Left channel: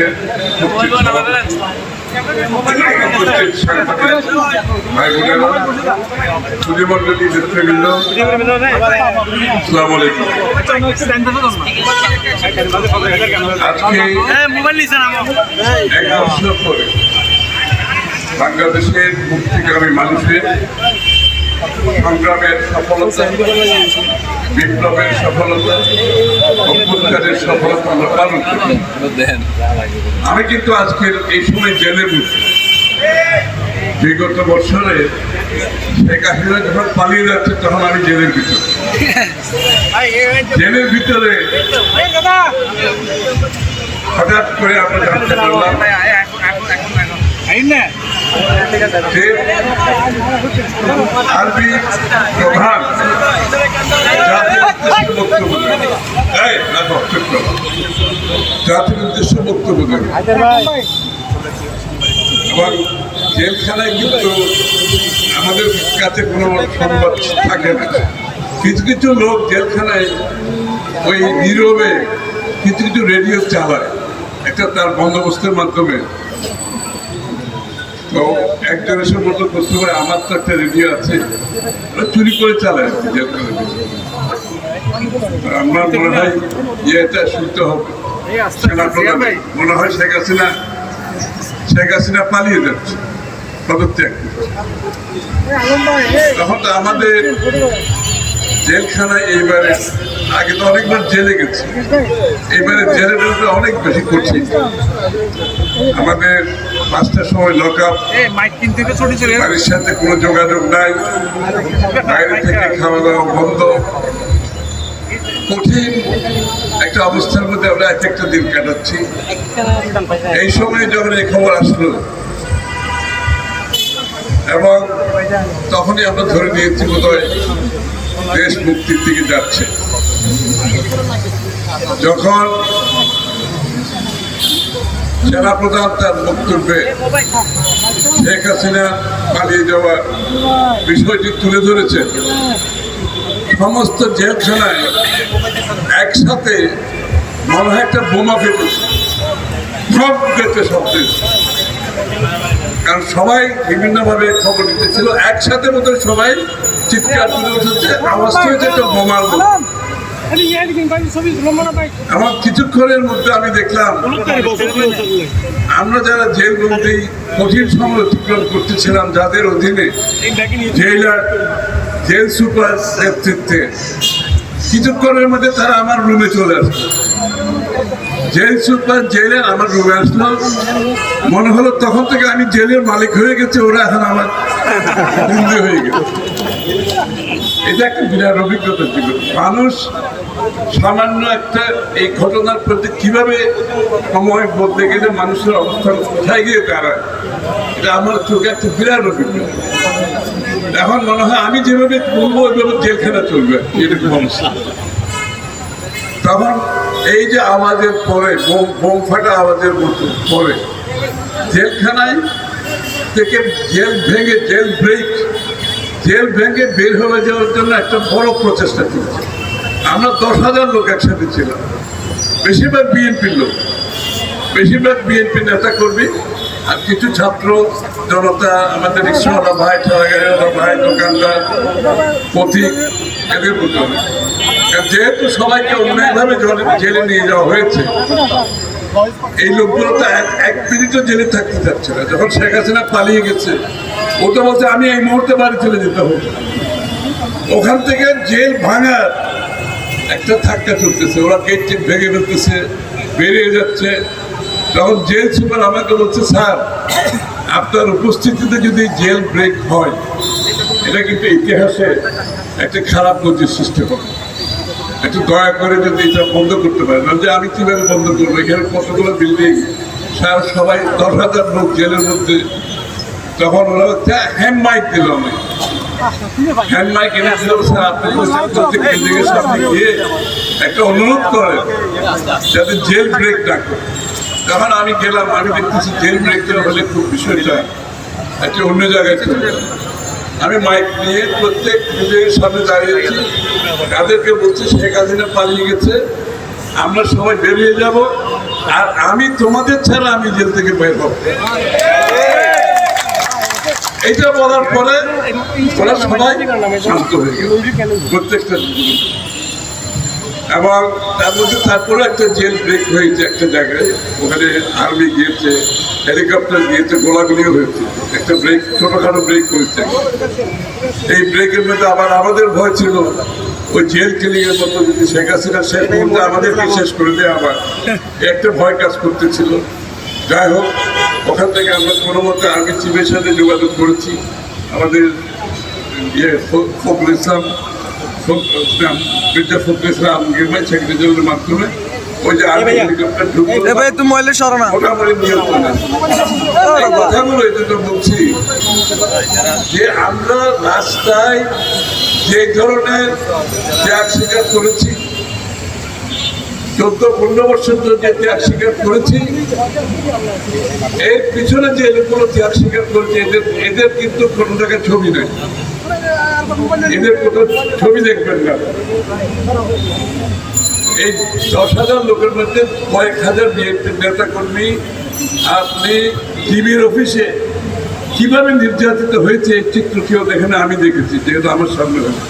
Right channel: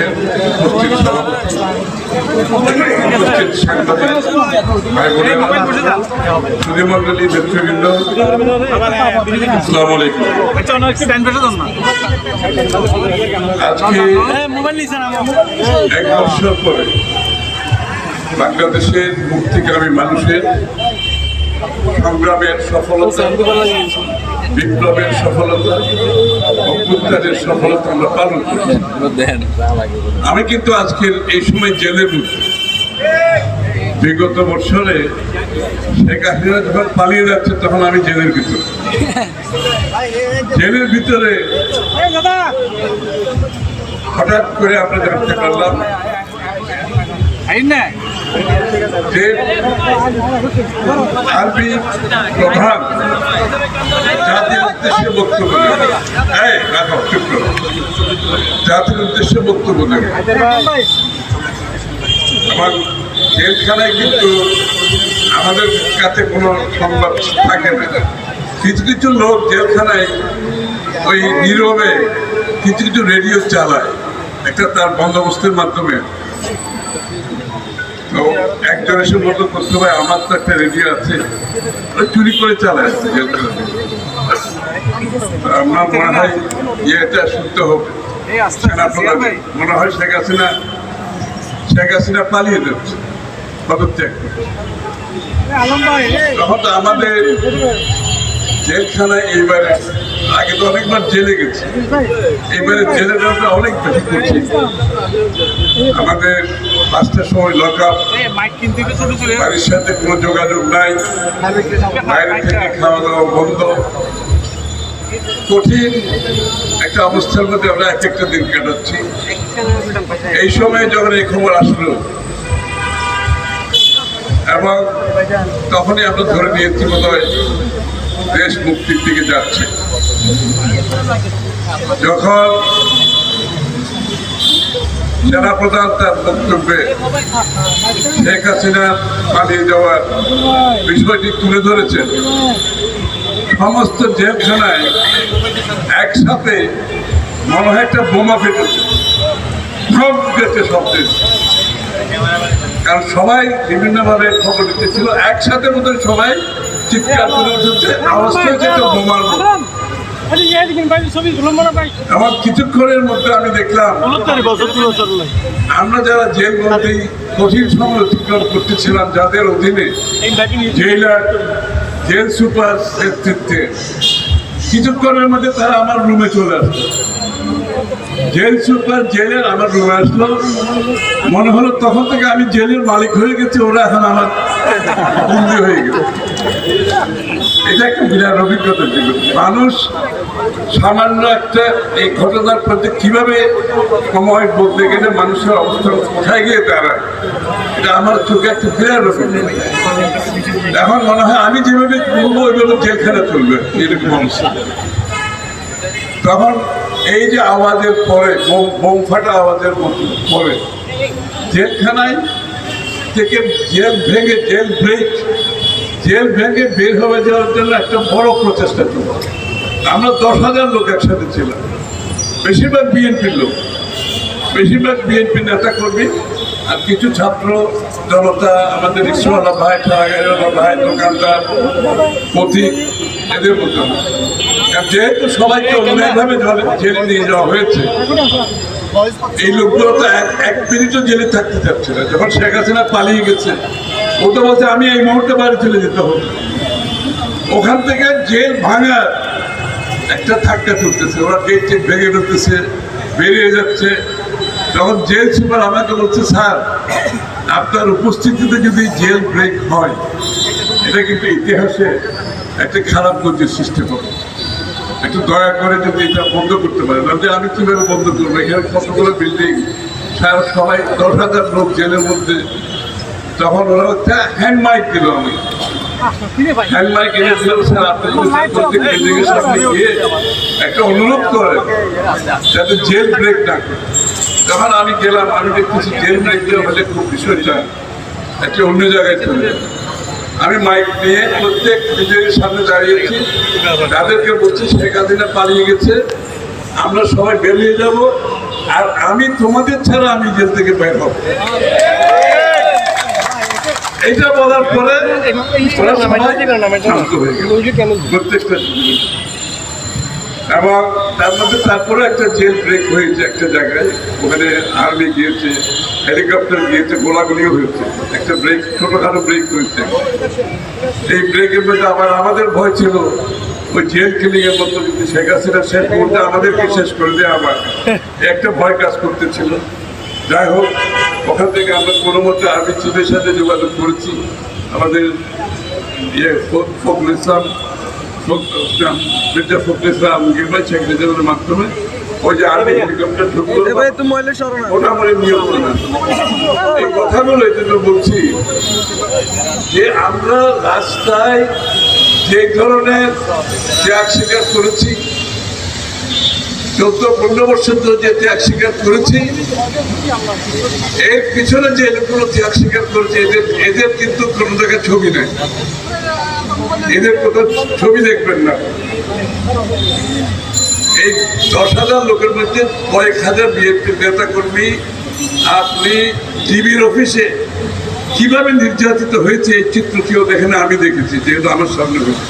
জেলের সুধীমণ্ডলী নেতৃবৃন্দ, আসসালামু আলাইকুম। আজকে 1 বছর পরে বাংলাদেশের মুক্তিকামী মানুষের সংগ্রামের সফলতা, বিপ্লবের সফলতা, অভ্যুত্থানের সফলতা আমরা পালন করি। আমি কিন্তু আজকের এই সময় জেলের ভিতরে, বিগত বছরে শেখ হাসিনা যখন পালিয়ে যাচ্ছে তখন আমি জেলের ভিতরে হঠাৎ করে আমরা জানতে পারলাম যে আরবি প্রধান জাতির উদ্দেশ্যে বক্তব্য দেবে, জাতির উদ্দেশ্যে বক্তব্য দেবে। এবং জেলখানায় কিন্তু আমাদের কাছে কোনো সংবাদ থাকে না। কিছু কিছু লোক জেলখানায় ওই নীরবে কিছু কিছু রেডিও চালায়, একটা তার বন্দোবস্তের মাধ্যমে। তো একজন এসে বলতো, করতে ভাই আমার তো একটা রেডিও আছে, চুরি করে চালায় জেলখানার ভিতরে। আমার মনে হয় এটা শুনতে হবে। সেনাপ্রধান মনে হয় শেখ হাসিনা পালিয়ে যাচ্ছে, পদত্যাগ করছে। তখন তো আমাদের জেলখানায় এইবারে, আগে তো অনেকবার জেলে গেছে, এবারে জেলে দেওয়াটা অনেক বেশি কঠিন। আমাদের 5টার সময় লক আপ, বাড়ির সাথে কোনো যোগাযোগ নাই, বাইরে থেকে খাওয়া দাওয়া বন্ধ, কঠিন একটা অবস্থার মধ্যে আমরা এক একটা দিন কাটাচ্ছি। এই সময় যখন এই খবর আসলো এবং তখনই আমরা ধরে নিয়েছি বোধহয় দেশ মুক্তির দিকে যাচ্ছে। যখন সেনাপ্রধান তার বক্তব্যে শেখ হাসিনা পালিয়ে যাওয়ার বিষয়টি তুলে ধরেছেন, সমস্ত জেলখানায় একসাথে মনে হয় একটা বোমা ফেটেছে, সব ফেটে শব্দ। কারণ সবাই বিভিন্নভাবে খবর দিতেছিল, একসাথে মতো সবাই চিৎকার করে উঠেছে, আওয়াজটা হয়েছে একটা বোমার মতো। আমার কিছুক্ষণের মধ্যে আমি দেখলাম আমরা যারা জেল বন্দী কঠিন সময় অতিক্রম করতেছিলাম, যাদের অধীনে জেলার জেল সুপার নেতৃত্বে, কিছুক্ষণের মধ্যে তারা আমার রুমে চলে আসলো। জেল সুপার জেলের আমার রুমে আসলো, মনে হলো তখন থেকে আমি জেলের মালিক হয়ে গেছি, ওরা এখন আমার বন্দী হয়ে গেছে। এটা একটা বিরাট অভিজ্ঞতা ছিল। মানুষ সামান্য একটা এই ঘটনার প্রতি কিভাবে সময় বদলে গেলে মানুষের অবস্থান কোথায় গিয়ে দাঁড়ায়, এটা আমার চোখে একটা বিরাট অভিজ্ঞতা। এখন মনে হয় আমি যেভাবে বলবো ওইভাবে জেলখানা চলবে, এরকম অবস্থা। তখন এই যে আওয়াজের পরে, বোম ফাটা আওয়াজের মতো পরে, জেলখানায় থেকে জেল ভেঙে বের হয়ে যাওয়ার জন্য একটা বড় প্রচেষ্টা চলছে। আমরা 10,000 লোক একসাথে ছিলাম, বেশিরভাগ বিএনপির লোক, বেশিরভাগ বিএনপি নেতা কর্মী, আর কিছু ছাত্র জনতা, আমাদের রিক্সাওয়ালা ভাই, ঠেলাগাড়িওয়ালা ভাই, দোকানদার, পথিক, এদের মতো। যেহেতু সবাইকে অন্যায়ভাবে জেলে নিয়ে যাওয়া হয়েছে, এই লোকগুলো তো এক মিনিটও জেলে থাকতে চাচ্ছে না। যখন শেখ হাসিনা পালিয়ে গেছে, ও তো বলছে আমি এই মুহূর্তে বাড়ি চলে যেতে হবে। ওখান থেকে জেল ভাঙার একটা ধাক্কা চলতেছে, ওরা গেট ভেঙে ফেলতেছে, বেরিয়ে যাচ্ছে। তখন জেল সুপার আমাকে বলছে, স্যার আপনার উপস্থিতিতে যদি জেল ব্রেক হয়, এটা কিন্তু ইতিহাসে একটা খারাপ গতির সৃষ্টি হবে, একটু দয়া করে যদি এটা বন্ধ করতে পারেন। যে আমি কীভাবে বন্ধ করবো, এখানে কতগুলো বিল্ডিং, সবাই 10,000 লোক জেলের মধ্যে। তখন ওরা হচ্ছে হ্যান্ড মাইক দিল, আমি হ্যান্ড মাইক এনে দিলাম, স্যার আপনি প্রত্যেক বিল্ডিংয়ের সামনে গিয়ে একটা অনুরোধ করেন যাতে জেল ব্রেক না করে। যখন আমি গেলাম, আমি দেখতেছি জেল ব্রেক দেওয়া হলে খুব বিষয়টা একটা অন্য জায়গায় চলে যাবে। আমি মাইক নিয়ে প্রত্যেক বিল্ডিংয়ের সামনে দাঁড়িয়েছি, তাদেরকে বলছি শেখ হাসিনা পালিয়ে গেছে, আমরা সবাই বেরিয়ে যাব, আর আমি তোমাদের ছাড়া আমি জেল থেকে বের হব। এইটা বলার পরে ওরা সবাই শান্ত হয়ে গেল প্রত্যেকটা। এবং তার মধ্যে তারপরে একটা জেল ব্রেক হয়েছে একটা জায়গায়, ওখানে আর্মি গিয়েছে, হেলিকপ্টার গিয়েছে, গোলাগুলিও হয়েছে, একটা ব্রেক, ছোটখাটো ব্রেক হয়েছে। এই ব্রেকের মধ্যে আবার আমাদের ভয় ছিল ওই জেল কিলিং এর মতো যদি শেখ হাসিনা শেষ মুহূর্তে আমাদেরকে শেষ করে দেয়, আবার একটা ভয় কাজ করতেছিল। যাই হোক, ওখান থেকে আমরা কোনো মতে আর্মি চিফের সাথে যোগাযোগ করেছি, আমাদের ফখরুল ইসলাম মির্জা ফখরুল ইসলাম গিরবাই শেখ রেজাউলের মাধ্যমে ওই যে আর্মি হেলিকপ্টার ঢুকলো মোটামুটি নিয়ন্ত্রণ আছে। এই কথাগুলো এই জন্য বলছি যে আমরা রাস্তায় যে ধরনের ত্যাগ স্বীকার করেছি, 14-15 বছর ধরে যে ত্যাগ স্বীকার করেছি, এর পিছনে যে লোকগুলো ত্যাগ স্বীকার করেছে এদের কিন্তু কোনো জায়গায় ছবি নেই, এদের কোনো ছবি দেখবেন না। এই 10,000 লোকের মধ্যে কয়েক হাজার বিএনপির নেতা কর্মী আপনি টিভির অফিসে কিভাবে নির্যাতিত হয়েছে এই চিত্র কেউ দেখে না, আমি দেখেছি, যেহেতু আমার সামনে হয়েছে।